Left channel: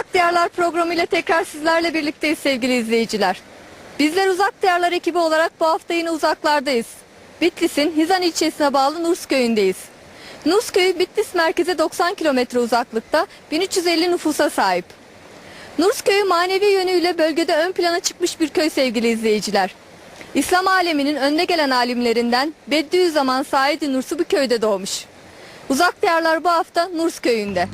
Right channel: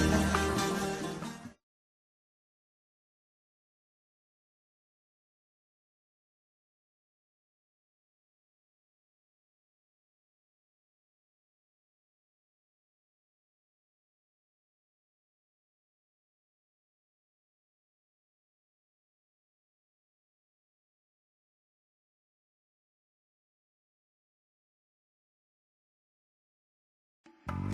Uzak Diyarlar programı ile tekrar sizlerle birlikteyiz sevgili izleyiciler. Bizler Uzak Diyarlar ekibi olarak bu hafta yine uzaklardayız. Bitlis'in Hizan ilçesine bağlı Nurs köyündeyiz. Nurs köyü Bitlis merkeze 90 kilometre uzaklıkta 1350 nüfusa sahip. Nurs köyü manevi yönüyle bölgede ön plana çıkmış bir köy sevgili izleyiciler. İslam aleminin önde gelen alimlerinden Bediüzzaman Said Nursi bu köyde doğmuş. Uzak Diyarlar bu hafta Nurs köyünde.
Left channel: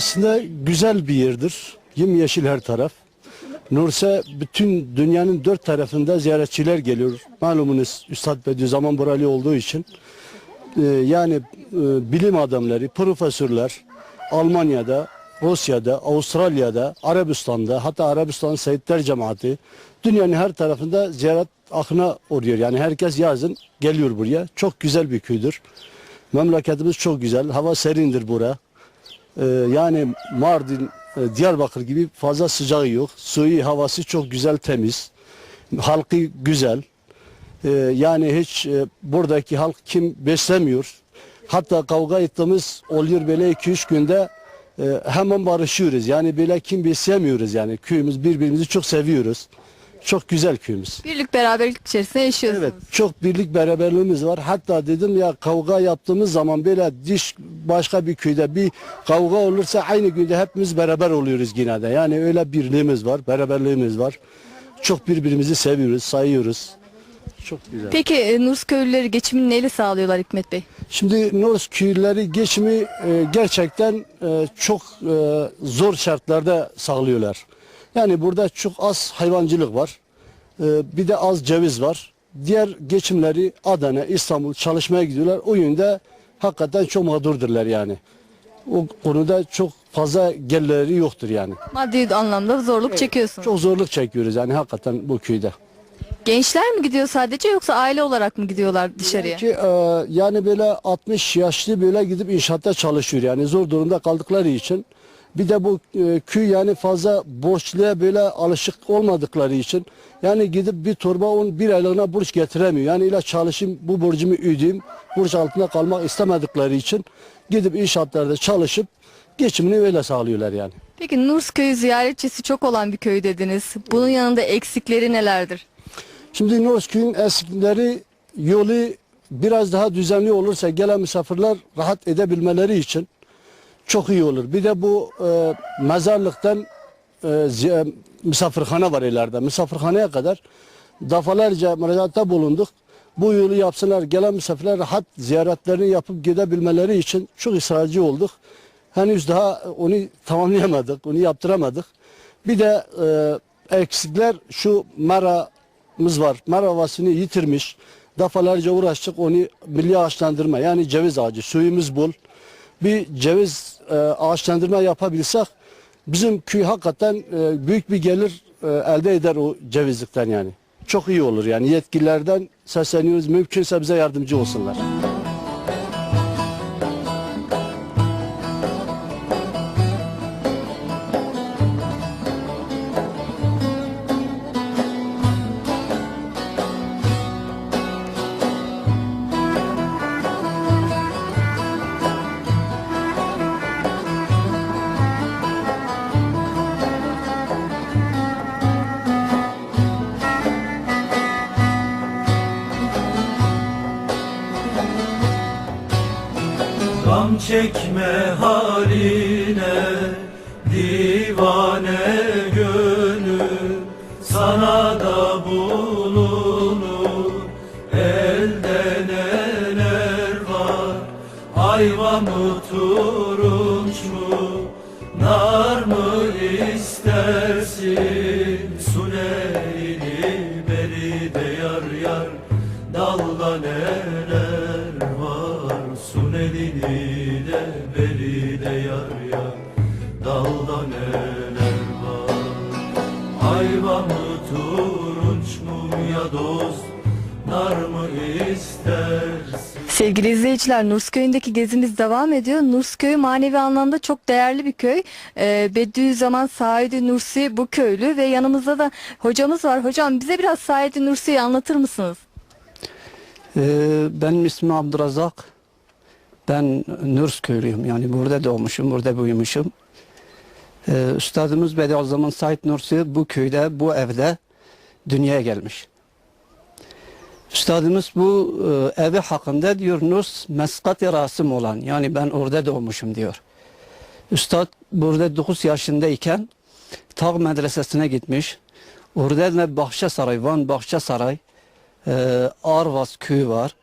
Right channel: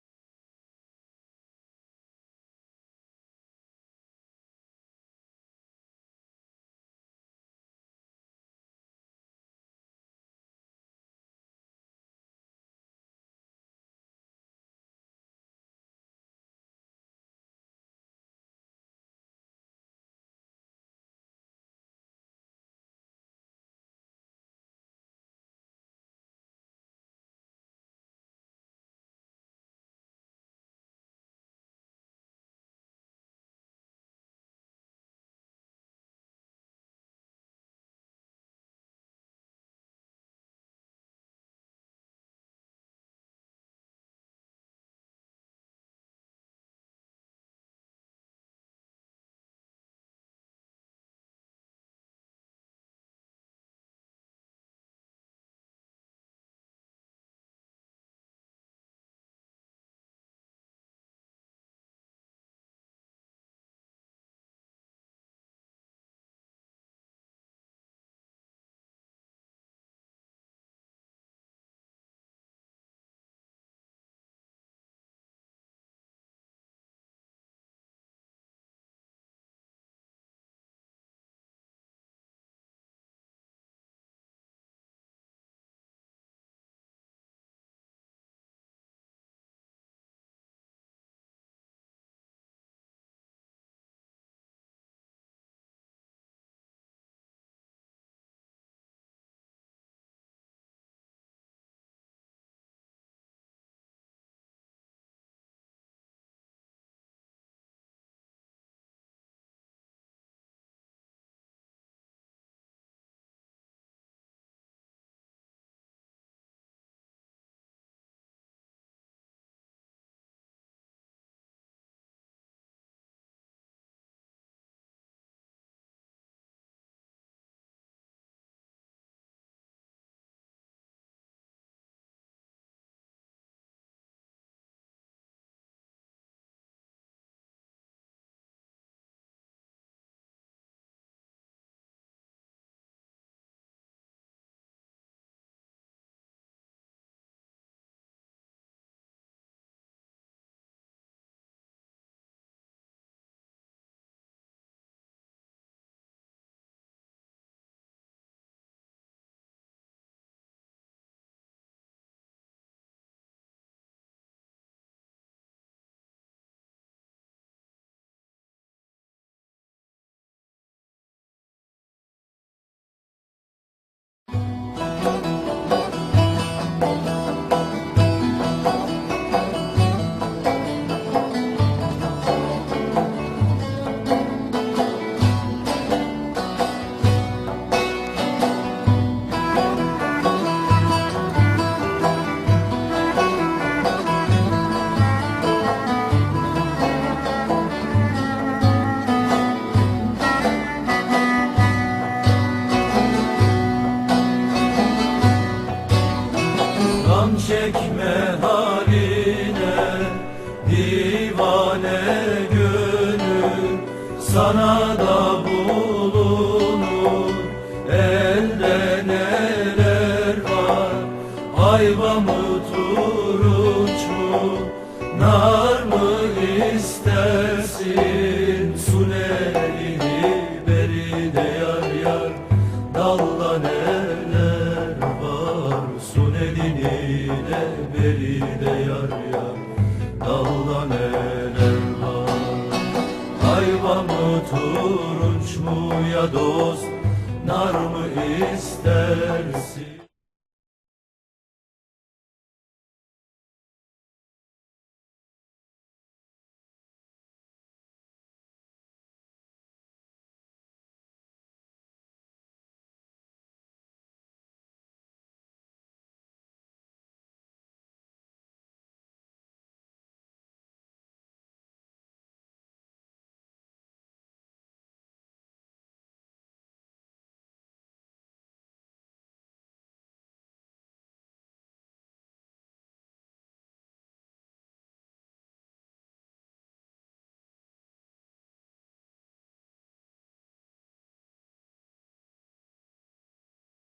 Aslında güzel bir yerdir. Yemyeşil her taraf. Nurs'a bütün dünyanın dört tarafında ziyaretçiler geliyor. Malumunuz Üstad Bediüzzaman buralı olduğu için. Ee, yani e, bilim adamları, profesörler Almanya'da, Rusya'da, Avustralya'da, Arabistan'da hatta Arabistan Seyitler Cemaati dünyanın her tarafında ziyaret akına uğruyor. Yani herkes yazın geliyor buraya. Çok güzel bir köydür. Memleketimiz çok güzel. Hava serindir bura. Ee, yani Mardin, e, Diyarbakır gibi fazla sıcağı yok. Suyu, havası çok güzel, temiz. Halkı güzel. Ee, yani hiç e, buradaki halk kim beslemiyor. Hatta kavga ettiğimiz oluyor böyle 2-3 günde e, hemen barışıyoruz. Yani böyle kim beslemiyoruz yani. Köyümüz birbirimizi çok seviyoruz. Çok güzel köyümüz. Birlik beraberlik içerisinde yaşıyorsunuz. Evet çok birlik beraberliğimiz var. Hatta dedim ya kavga yaptığımız zaman böyle diş başka bir köyde bir kavga olursa aynı günde hepimiz beraber oluyoruz yine de. Yani öyle birliğimiz var, beraberliğimiz var. Çok birbirimizi seviyoruz, sayıyoruz. Çok güzel. Peki e, Nurs köylüleri geçimini neyle sağlıyorlar Hikmet Bey? Şimdi Norz köyleri geçimi e, gerçekten e, çok e, zor şartlarda sağlıyorlar. Yani burada çok az hayvancılık var. E, bir de az ceviz var. Diğer geçimleri Adana, İstanbul çalışmaya gidiyorlar. O yönde hakikaten çok mağdurdurlar yani. O konuda çok fazla gelirleri yoktur yani. Maddi anlamda zorluk çekiyorsunuz. Çok zorluk çekiyoruz yani hakikaten bu köyde. Gençler mi gidiyor sadece yoksa aile olarak mı gidiyorlar dışarıya? Ki, e, yani böyle 60 yaşlı böyle gidip inşaatta çalışıyor yani zor durumda kaldıkları için. Bir de bu e, köy yani fazla borçluya böyle alışık olmadıkları için yani gidip bir torba on bir aylığına borç getiremiyor. Yani ile çalışayım bu borcumu ödeyeyim borç altında kalmak istemedikleri için gidip inşaatlarda çalışıp geçimini öyle sağlıyorlar yani. Peki Nurs köyü ziyaretçisi çok olan bir köy dediniz. Bunun yanında eksikleri nelerdir? Şimdi Norsköy'ün eskileri yolu biraz daha düzenli olursa gelen misafirler rahat edebilmeleri için çok iyi olur. Bir de bu e, mezarlıktan e, zi- misafirhane var ileride. Misafirhaneye kadar defalarca müracaatta bulunduk. Bu yolu yapsınlar, gelen misafirler rahat ziyaretlerini yapıp gidebilmeleri için çok ısrarcı olduk. Henüz daha onu tamamlayamadık, onu yaptıramadık. Bir de e, eksikler şu meramız var. Mera havasını yitirmiş. Defalarca uğraştık onu milli ağaçlandırma yani ceviz ağacı suyumuz bol. Bir ceviz e, ağaçlandırma yapabilsek bizim köy hakikaten e, büyük bir gelir e, elde eder o cevizlikten yani. Çok iyi olur yani yetkililerden sesleniyoruz mümkünse bize yardımcı olsunlar. Neler var? Ayva mı turunç mu? Nar mı istersin? Sunelini beri de yar yar? Dalda neler var? Sun elini de beri de yar yar. Dalda neler var? Hayvan ya dost nar mı istersin Sevgili izleyiciler, Nurs Köyü'ndeki gezimiz devam ediyor. Nurs Köyü manevi anlamda çok değerli bir köy. Ee, Bediüzzaman Said Nursi bu köylü ve yanımızda da hocamız var. Hocam bize biraz Said Nursi'yi anlatır mısınız? Ee, benim ismim Abdurazak. Ben Nurs köylüyüm. Yani burada doğmuşum, burada büyümüşüm. Ee, Üstadımız Bediüzzaman Said Nursi bu köyde, bu evde dünyaya gelmiş. Üstadımız bu e, evi hakkında diyor Nurs meskat-ı rasım olan yani ben orada doğmuşum diyor. Üstad burada 9 yaşındayken Tağ Medresesi'ne gitmiş. Orada da Bahçe Saray, Van Bahçe Saray, e, Arvas köyü var.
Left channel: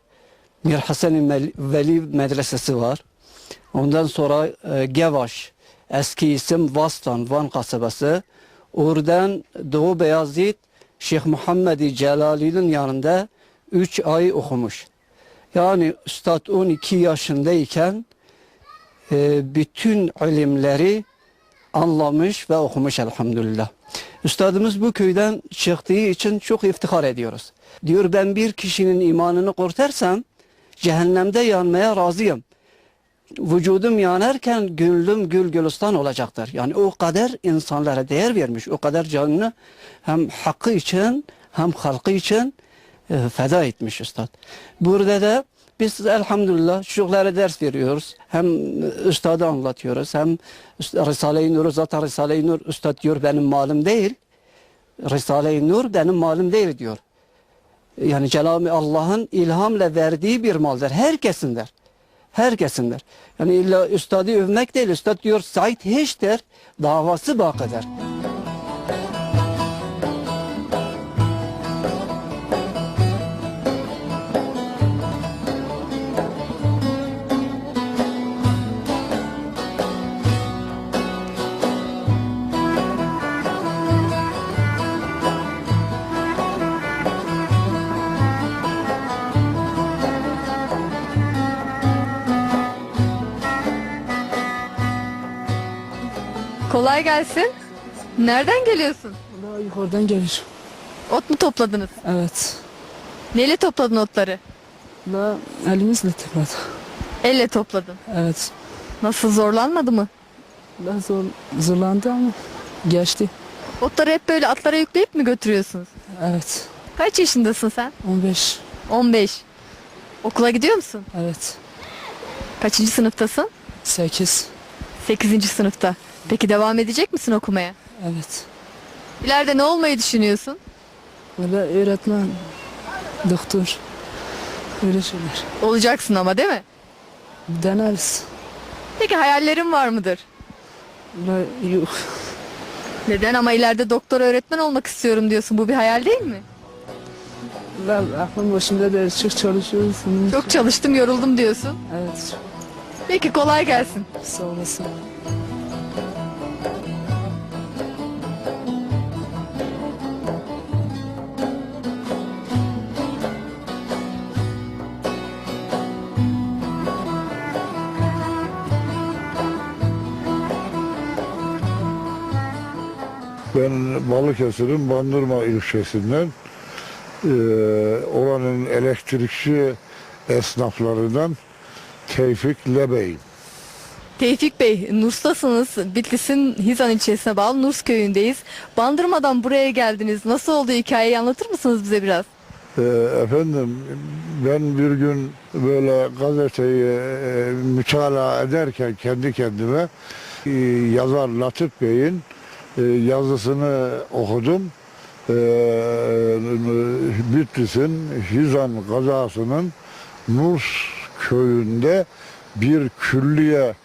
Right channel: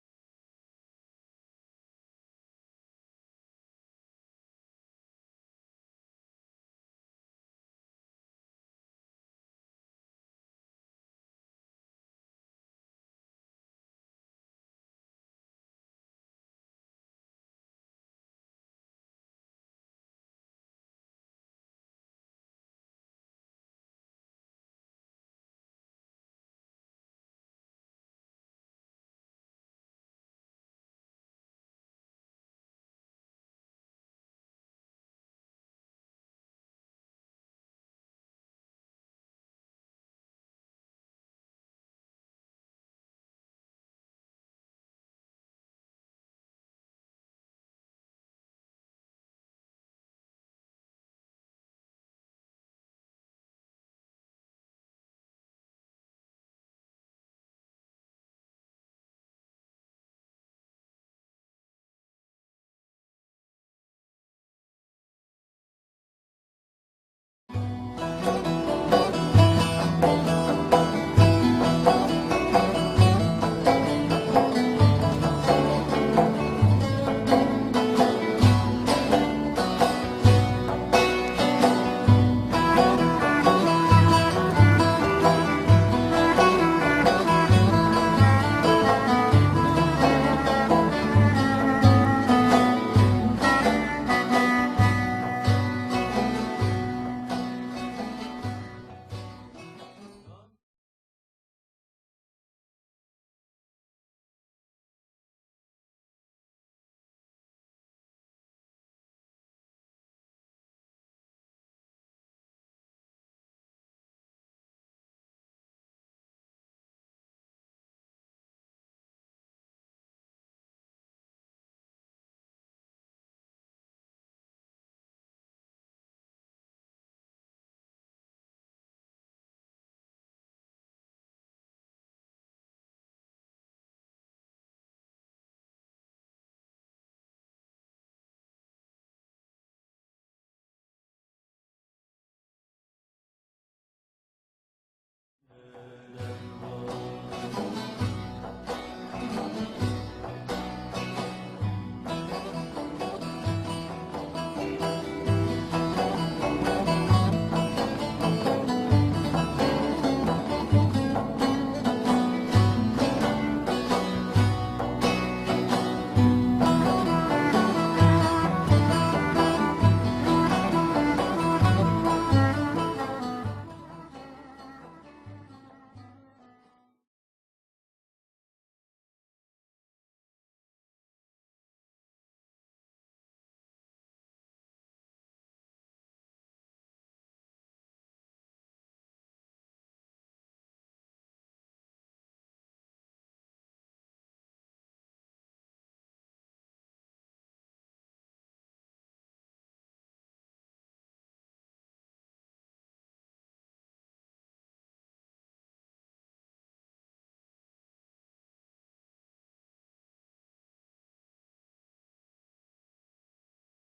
Mir Hasan Veli Medresesi var. Ondan sonra e, Gevaş, eski isim Vastan, Van kasabası. Oradan Doğu Beyazıt, Şeyh Muhammed Celali'nin yanında 3 ay okumuş. Yani Üstad 12 yaşındayken e, bütün ilimleri anlamış ve okumuş elhamdülillah. Üstadımız bu köyden çıktığı için çok iftihar ediyoruz. Diyor ben bir kişinin imanını kurtarsam cehennemde yanmaya razıyım. Vücudum yanarken gönlüm gül gülistan olacaktır. Yani o kadar insanlara değer vermiş, o kadar canını hem hakkı için hem halkı için feda etmiş üstad. Burada da biz elhamdülillah çocuklara ders veriyoruz. Hem üstadı anlatıyoruz hem Risale-i Nur'u zaten Risale-i Nur üstad diyor benim malım değil. Risale-i Nur benim malım değil diyor. Yani Cenab-ı Allah'ın ilhamla verdiği bir maldır. Herkesindir. Herkesindir. Yani illa üstadı övmek değil. Üstad diyor Said hiçtir. Davası bakıdır. Nereden geliyorsun? Daha yukarıdan gelir. Ot mu topladınız? Evet. Neyle topladın otları? Daha elimizle tıkladı. Elle topladın. Evet. Nasıl zorlanmadı mı? Daha zor, zorlandı ama geçti. Otları hep böyle atlara yükleyip mi götürüyorsunuz? Evet. Kaç yaşındasın sen? 15. 15. Okula gidiyor musun? Evet. Kaçıncı sınıftasın? 8. 8. sınıfta. Peki devam edecek misin okumaya? Evet. İleride ne olmayı düşünüyorsun? Böyle öğretmen, doktor. Öyle şeyler. Olacaksın ama değil mi? Deneriz. Peki hayallerin var mıdır? Böyle yok. Neden ama ileride doktor öğretmen olmak istiyorum diyorsun. Bu bir hayal değil mi? Ben aklım başımda değil. Çok çalışıyoruz. Çok çalıştım yoruldum diyorsun. Evet. Peki kolay gelsin. Sağ olasın. Balıkesir'in Bandırma ilçesinden eee, oranın elektrikçi esnaflarından Tevfik Lebey'im. Tevfik Bey, Nurs'tasınız. Bitlis'in Hizan ilçesine bağlı Nurs köyündeyiz. Bandırmadan buraya geldiniz. Nasıl oldu hikayeyi anlatır mısınız bize biraz? Eee, efendim ben bir gün böyle gazeteyi eee, mütalaa ederken kendi kendime eee, yazar Latif Bey'in yazısını okudum. Bitlis'in Hizan kazasının Nurs köyünde bir külliye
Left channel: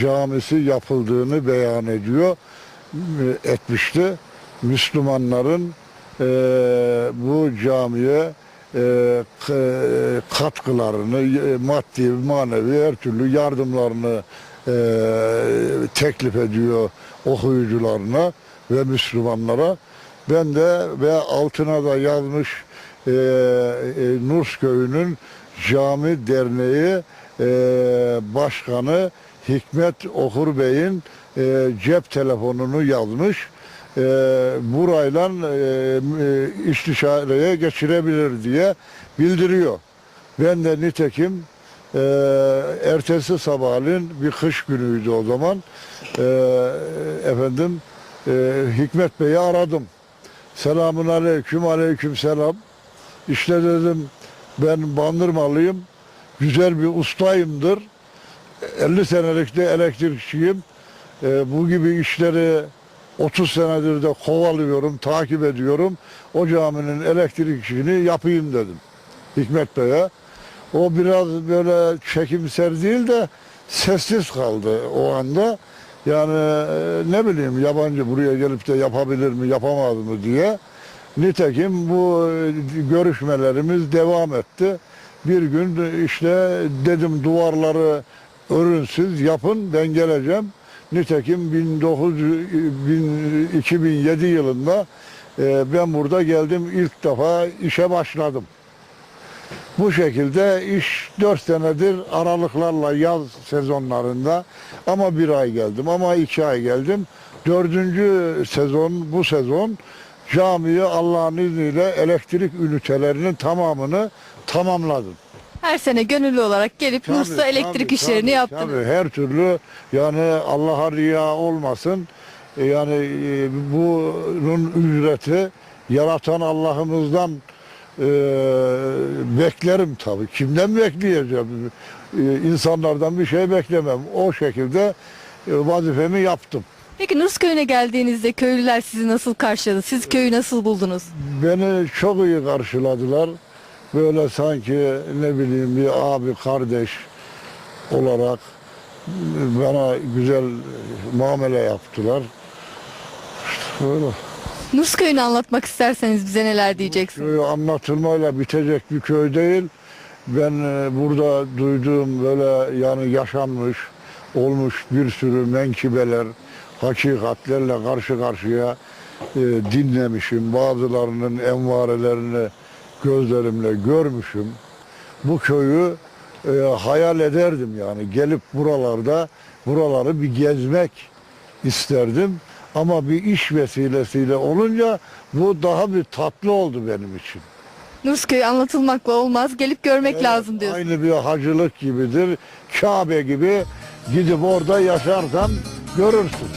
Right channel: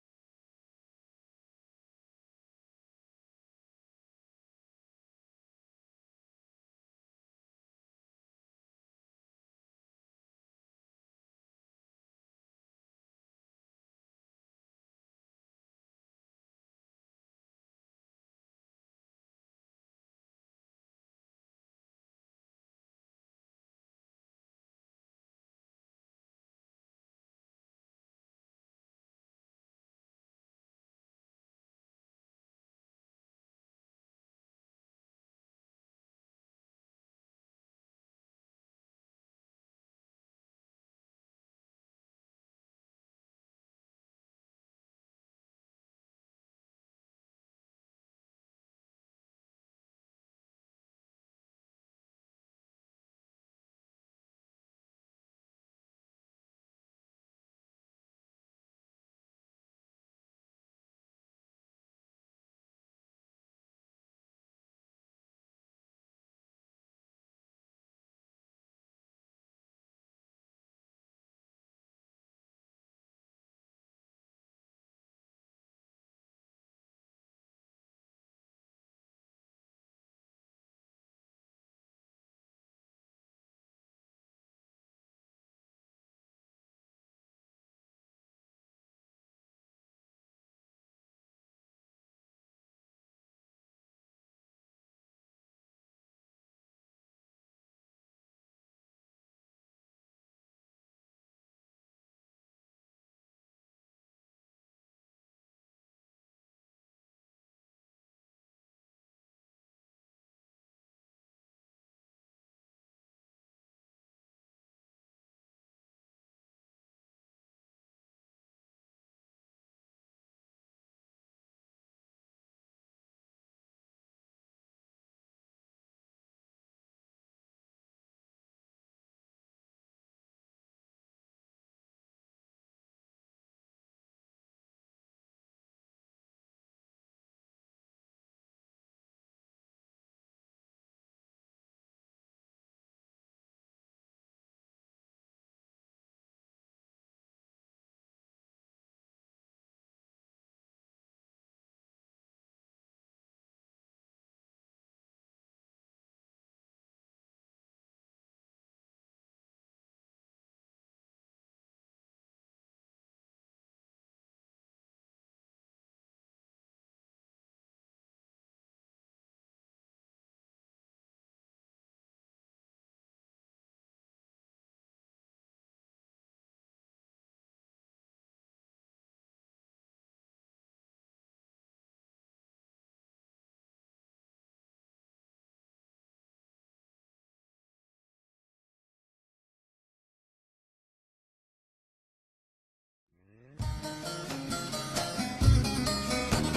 camisi yapıldığını beyan ediyor e, etmişti. Müslümanların e, bu camiye e, k- katkılarını, e, maddi, manevi her türlü yardımlarını e, teklif ediyor okuyucularına ve Müslümanlara. Ben de ve altına da yazmış e, e, Nurs Köyü'nün Cami Derneği e, Başkanı Hikmet Okur Bey'in e, cep telefonunu yazmış. e, burayla e, e, istişareye geçirebilir diye bildiriyor. Ben de nitekim e, ertesi sabahleyin bir kış günüydü o zaman. E, efendim e, Hikmet Bey'i aradım. Selamun aleyküm, aleyküm selam. İşte dedim ben bandırmalıyım. Güzel bir ustayımdır. 50 senelik de elektrikçiyim. E, bu gibi işleri 30 senedir de kovalıyorum, takip ediyorum. O caminin elektrik işini yapayım dedim Hikmet Bey'e. O biraz böyle çekimser değil de sessiz kaldı o anda. Yani e, ne bileyim yabancı buraya gelip de yapabilir mi yapamaz mı diye. Nitekim bu e, görüşmelerimiz devam etti. Bir gün işte dedim duvarları örünsüz yapın ben geleceğim. Nitekim 1900, bin- 2007 yılında e, ben burada geldim ilk defa işe başladım. Bu şekilde iş 4 senedir aralıklarla yaz sezonlarında ama bir ay geldim ama iki ay geldim. Dördüncü sezon bu sezon camiye Allah'ın izniyle elektrik ünitelerinin tamamını tamamladım. Her sene gönüllü olarak gelip Tabii, Nurs'ta elektrik tabii, işlerini tabii, yaptınız. tabii. her türlü yani Allah'a riya olmasın. E, Yani e, bunun ücreti yaratan Allah'ımızdan e, beklerim tabii. Kimden bekleyeceğim? E, insanlardan bir şey beklemem. O şekilde e, vazifemi yaptım. Peki Nurs köyüne geldiğinizde köylüler sizi nasıl karşıladı? Siz köyü nasıl buldunuz? Beni çok iyi karşıladılar. Böyle sanki ne bileyim bir abi kardeş olarak bana güzel muamele yaptılar. İşte böyle. Nurs köyünü anlatmak isterseniz bize neler diyeceksiniz? Köy anlatılmayla bitecek bir köy değil. Ben e, burada duyduğum böyle yani yaşanmış, olmuş bir sürü menkibeler, hakikatlerle karşı karşıya e, dinlemişim. Bazılarının envarelerini gözlerimle görmüşüm. Bu köyü e, hayal ederdim yani. Gelip buralarda buraları bir gezmek isterdim. Ama bir iş vesilesiyle olunca bu daha bir tatlı oldu benim için. Nurs köyü anlatılmakla olmaz. Gelip görmek Evet, lazım diyorsun. Aynı bir hacılık gibidir. Kabe gibi gidip orada yaşarsan görürsün.